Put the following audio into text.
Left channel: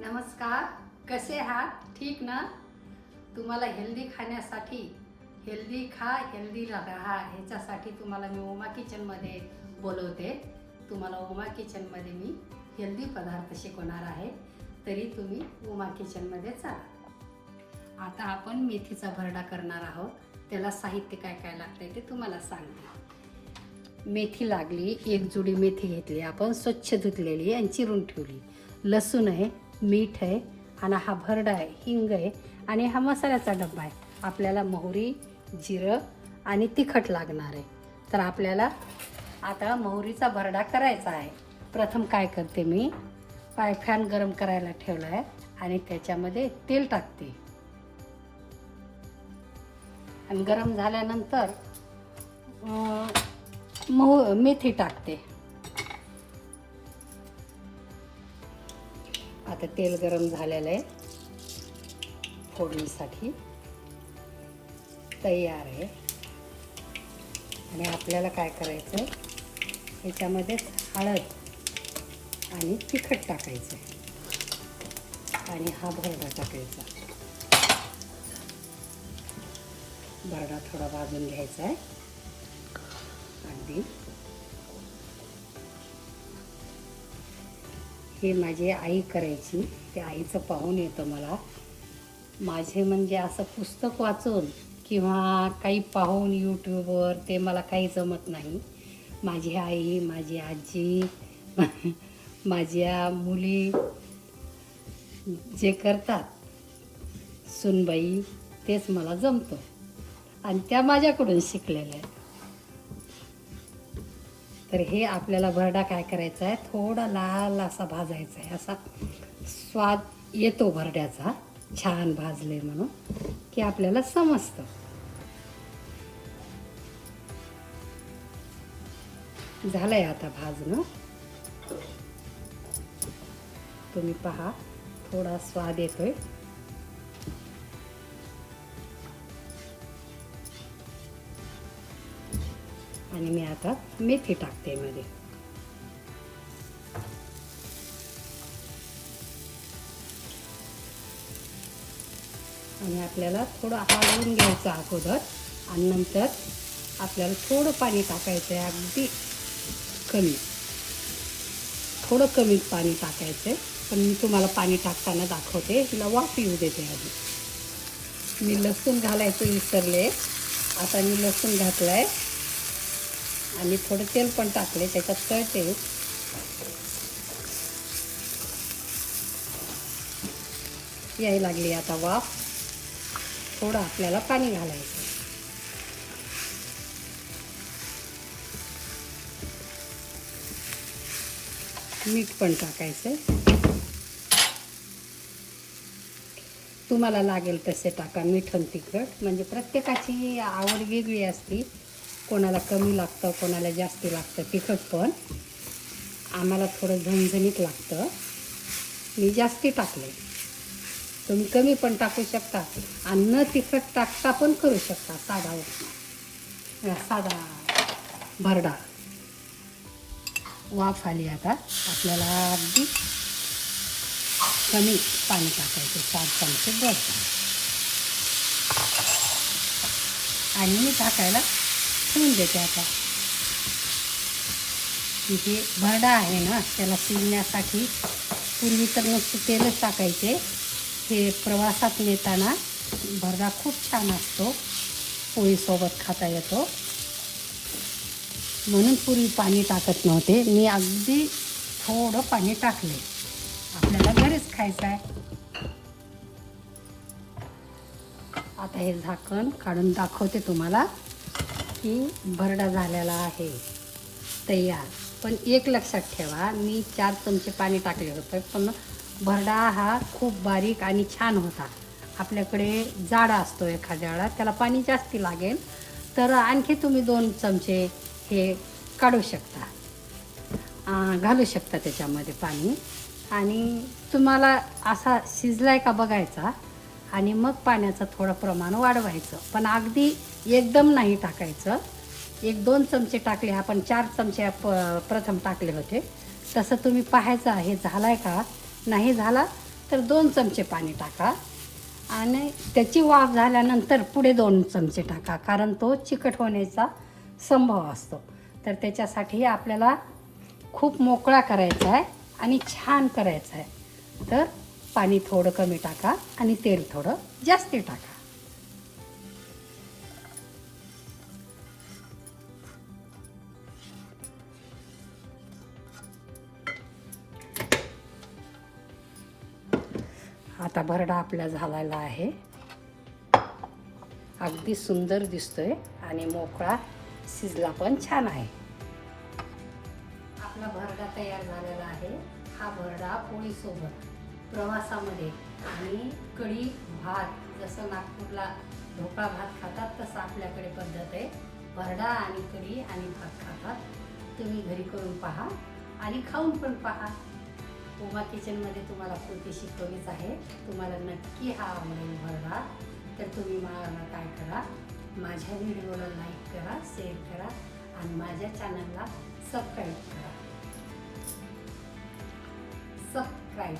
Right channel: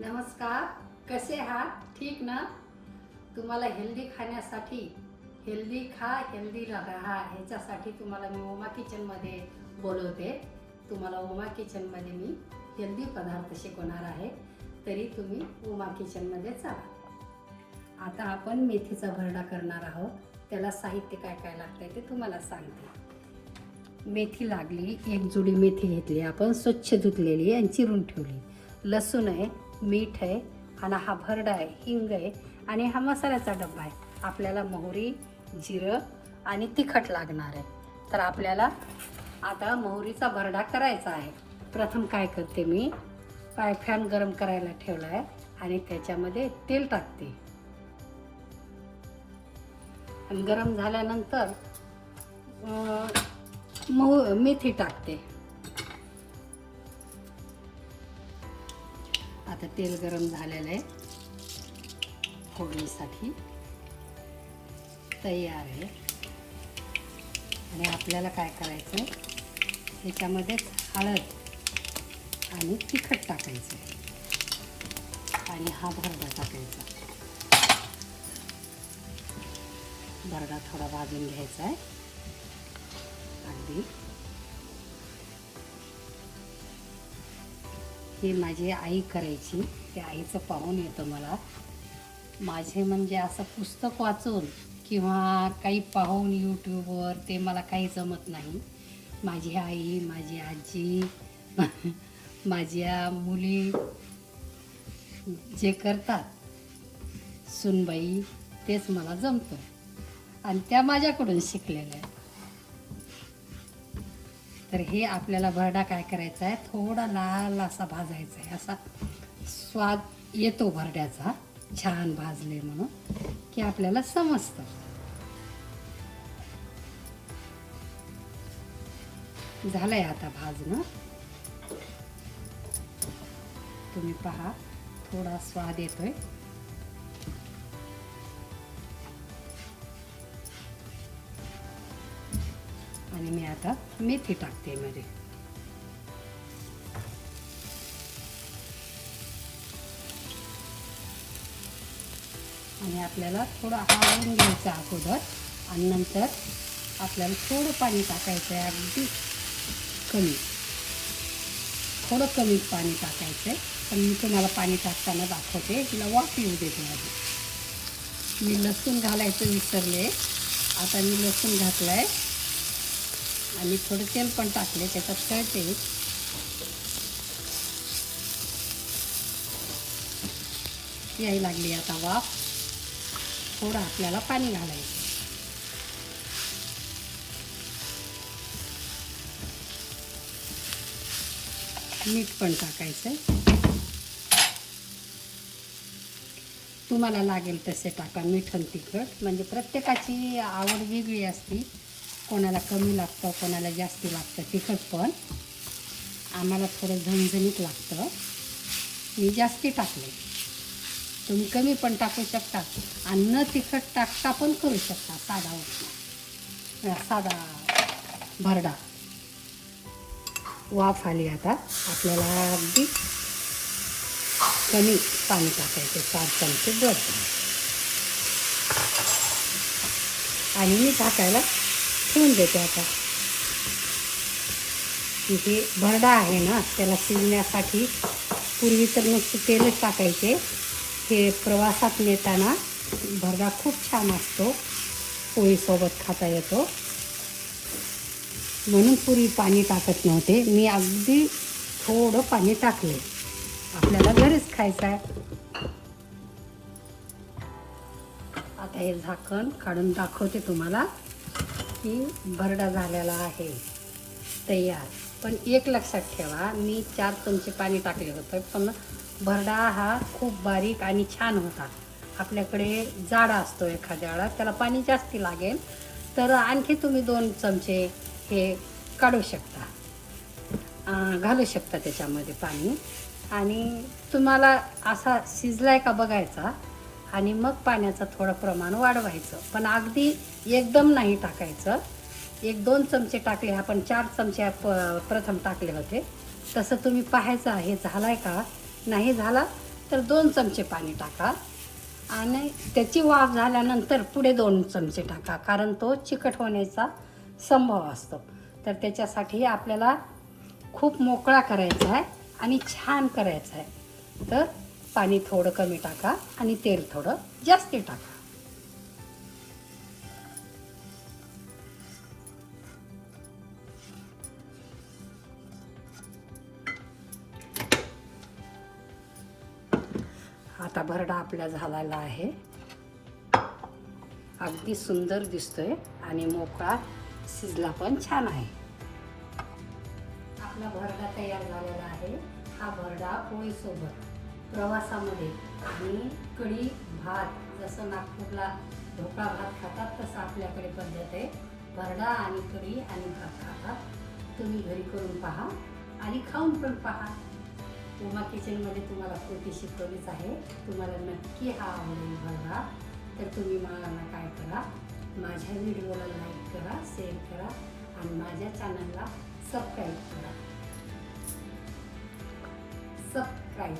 नमस्कार, कसे आहात? ठीक ना? तुम्हाला हेल्दी खाण्यासाठी हेल्दी खा हेल्दी राहा ह्याच्यासाठी तुम्हाला मी उमा किचनमध्ये बोलवते. तुम्हाला उमा किचनमध्ये मी हेल्दी पदार्थ शिकवणार आहे, तरी तुम्ही उमा किचनमध्ये चला. आता आपण मेथीचा भरडा करणार आहोत. त्याला साहित्य काय काय लागतंय ते तुम्हाला सांगते. मेथी लागली, एक जुडी मेथी घेतली आपण, स्वच्छ धुतलेली आणि चिरून ठेवली. लसूण आहे, मीठ आहे आणि हा भरडा आहे, हिंग आहे आणि हा मसाल्याचा डब्बा आहे. आपल्याला मोहरी, जिरं आणि तिखट लागणार आहे. तर आपल्याला आता मोहरीचा भरडा करायचा आहे. प्रथम काय करते मी, पॅन गरम करायला ठेवला आहे आणि त्याच्यामध्ये तेल टाकते आणि गरम झाल्यानंतर मेथी टाकते. आता तेल गरम झालेलं आहे, फोडणीसाठी तयार आहे. आणि आपल्याला काय करायचं, याच्यामध्ये हळद आणि तिखट टाकायचं आणि हा भरडा टाकायचा. भरडा थोडा भाजून घ्यायचा आहे अगदी. हे माझी आई करायची, त्या आईचं पाहून येतं मला. माझे म्हणजे असं पुस्तक वाचून किंवा काही पाहून यूट्यूबवर ते मला काही जमत नाही. माझी आई, माझी आजी, माझ्या मुली जे करतात सुनबाई, तेच मला जमतं आणि त्या माझ्याकडून शिकलेल्या आहे. तर हे आपल्याला भरडा काय करायचा आहे, थोडा लाल असा भाजायचा आहे. असा स्वाद येतो भरड्याचा, छान भाजले म्हणून की आपल्याला समजतं. झालंय आता भाजणं, तुम्ही पहा थोडा स्वाद येतोय. आणि मी आता मेथी टाकते मध्ये. आणि आपल्याला थोडं हलवून घ्यायचं अगोदर आणि नंतर आपल्याला थोडं पाणी टाकायचं आहे, अगदी कमी, थोडं कमी पाणी टाकायचं. पण मी तुम्हाला पाणी टाकताना दाखवते, तिला वाफ येऊ देते आधी. मी लसूण घालायचं विसरले, आता मी लसूण घातलं आहे आणि थोडं तेल पण टाकले त्याच्यात. तळते यायला लागली आता वाफ. थोडं आपल्याला पाणी घालायचं. मीठ पण टाकायचं, तुम्हाला लागेल तसे टाका मीठ आणि तिखट. म्हणजे प्रत्येकाची आवड वेगळी असते, कोणाला कमी लागतं, कोणाला जास्त लागतं तिखट. पण आम्हाला थोडं झणझणीत लागतं, मी जास्ती टाकले. तुम्ही कमी पण टाकू शकता आणि न तिखट टाकता पण करू शकता. साधा भरडा. वाफ आली आता, आपल्याला अगदी कमी पाणी टाकायचं, 4 चमचे बस. आणि मी टाकायला ठेवून देते. आता हे भरडा आहे ना, त्याला शिजण्यासाठी पूर्वी तर नुसते तेलच टाकायचे. हे प्रवासात नेताना भरडा खूप छान असतो, पोळीसोबत खाता येतो, म्हणून पूर्वी पाणी टाकत नव्हते. मी अगदी थोडं पाणी टाकले, आपल्याला घरीच खायचं आहे. आता हे झाकण काढून दाखवते तुम्हाला की भरडा झालेला आहे तयार. पण एक लक्षात ठेवा, मी 4 चमचे पाणी टाकले होते, पण भरडा हा खूप बारीक आणि छान होता. आपल्याकडे जाडा असतो एखाद्या वेळा, त्याला पाणी जास्ती लागेल, तर आणखी तुम्ही 2 चमचे हे काढू शकता, घालू शकता त्याच्यामध्ये पाणी. आणि तुम्हाला असा शिजलाय का बघायचा आणि मग पाण्याचं थोडं प्रमाण वाढवायचं. पण अगदी एकदम नाही टाकायचं. 1-2 चमचे टाकले, आपण 4 चमचे प्रथम टाकले होते, तसं तुम्ही पाहायचं आहे झालाय का नाही झाला तर 2 चमचे पाणी टाका आणि त्याची वाफ झाल्यानंतर पुढे 2 चमचे टाका, कारण तो चिकट होण्याचा संभव असतो. तर त्याच्यासाठी आपल्याला खूप मोकळा करायचा आहे आणि छान करायचं आहे. तर पाणी थोडं कमी टाका आणि तेल थोडं जास्ती टाका. आता भरडा आपला झालेला आहे. अगदी सुंदर दिसतोय आणि मोकळा शिजला पण छान आहे. आपला भरडा तयार झालेला आहे. हा भरडा पोळीसोबत, प्रवासामध्ये आणि कढी भात, जसं नागपूरला ढोकळा भात खातात तसं आपल्याकडे पद्धत आहे. भरडा आणि कढी आणि भात खातात. तुम्ही घरी करून पहा आणि खाऊन पण पहा. उमा किचनमध्ये तुम्हाला कृती शिकवलीच आहे. तुम्हाला नक्की हा आवडेल भरडा. तर तुम्ही मला काय करा, माझ्या व्हिडिओला लाईक करा, शेअर करा आणि माझ्या चॅनलला सबस्क्राईब करा. सबस्क्राईब